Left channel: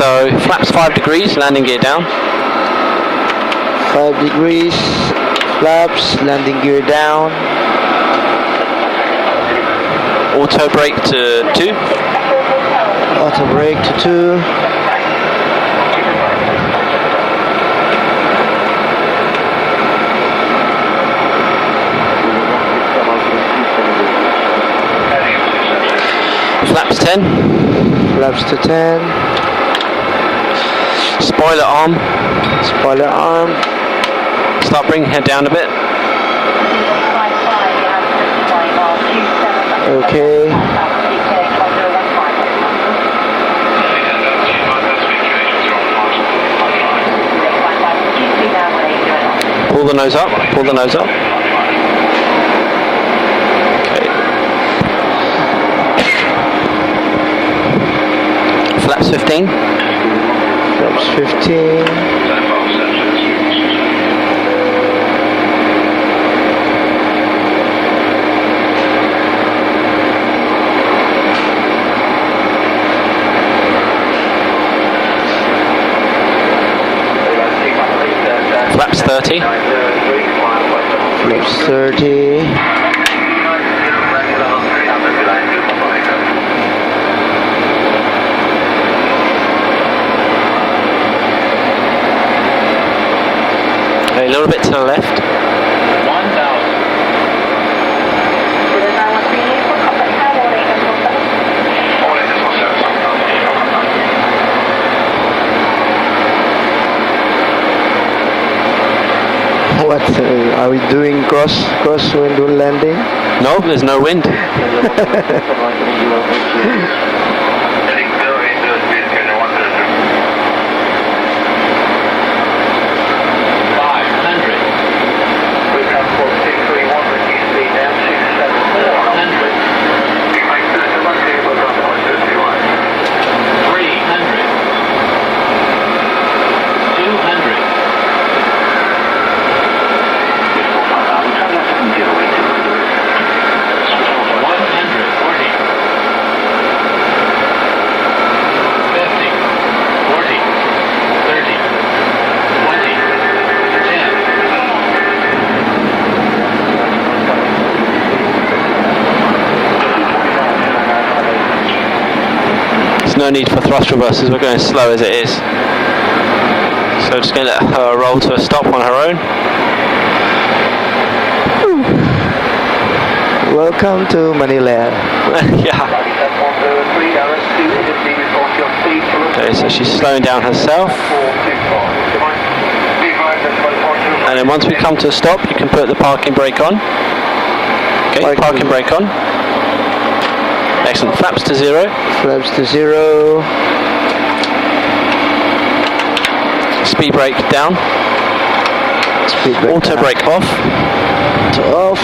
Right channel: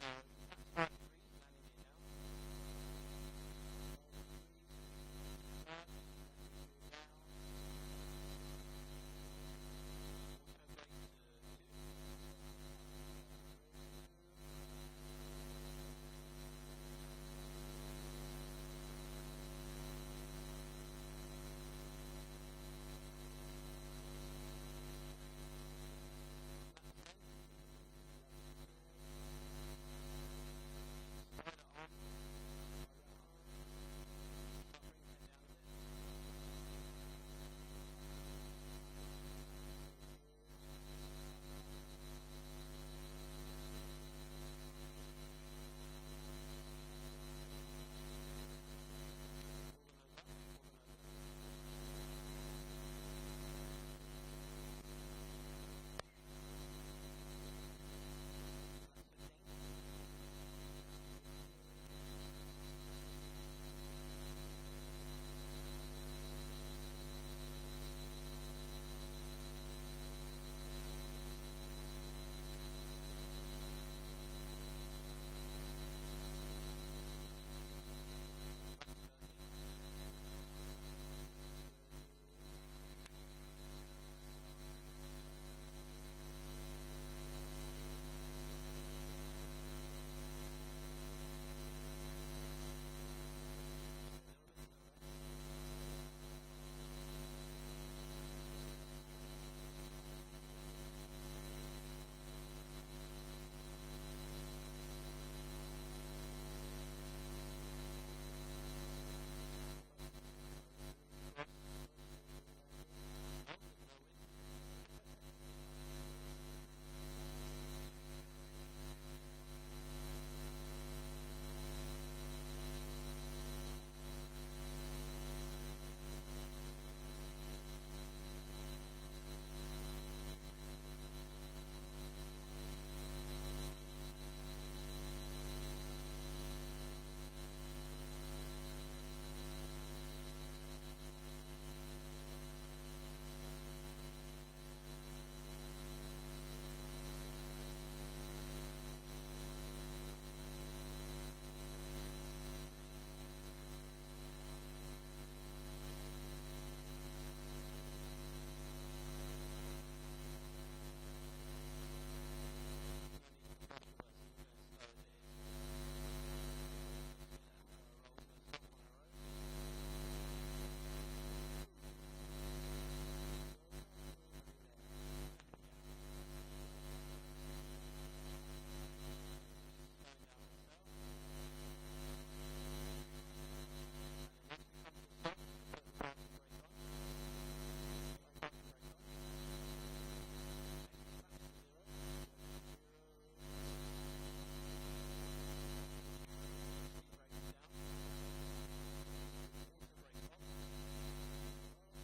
So flaps 5 degrees, landing gear down. 5 degrees, flaps, landing gear down. Auto brake to 2. Auto brake to 2. Flaps 10. Flaps to 10. Spoiler arm. Spoiler arm. Start bringing head down a bit. Okay. Pull the nose up. Pull the nose up. Okay. Flaps 15. Flaps 15. Flaps 30. Flaps 30. A little bit to the left. What are we doing? Cross when doing landing? No, there's no wind. No need for thrust reversers, we're going as slow as it is. So just going to let her roll to a stop on her own. Welcome to Manila. Yeah. Okay, so she's slowing down herself. And then once we come to a stop, you can put the parking brake on. Okay, parking brake on. Excellent. Flaps to 0. Flaps to 0. Speed brake down. Speed brake auto down. brake off. To off.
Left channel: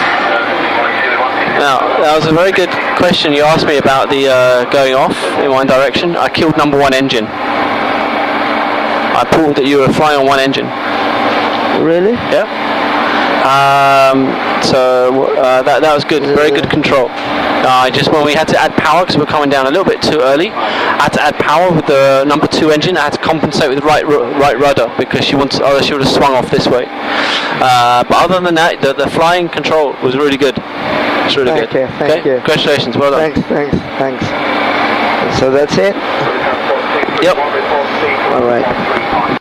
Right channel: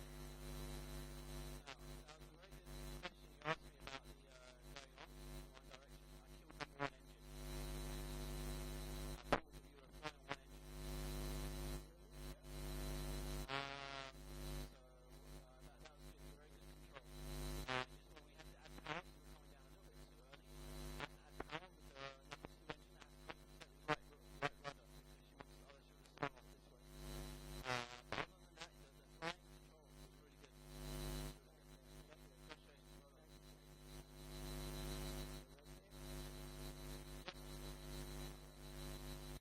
Now, that was a very good question you asked me about the going off in one direction. I killed number 1 engine. I pulled that you were flying on 1 engine. Really? Yeah. So that was good. Very good control. Just when we had to add power because we're coming down a little bit too early, I had to add power with the number 2 engine. I had to compensate with right rudder because she would have swung off this way. But other than that, the flying control was really good. It's really good. Okay, thank you. Congratulations, well done. Thanks. So that's it? Yep. All right.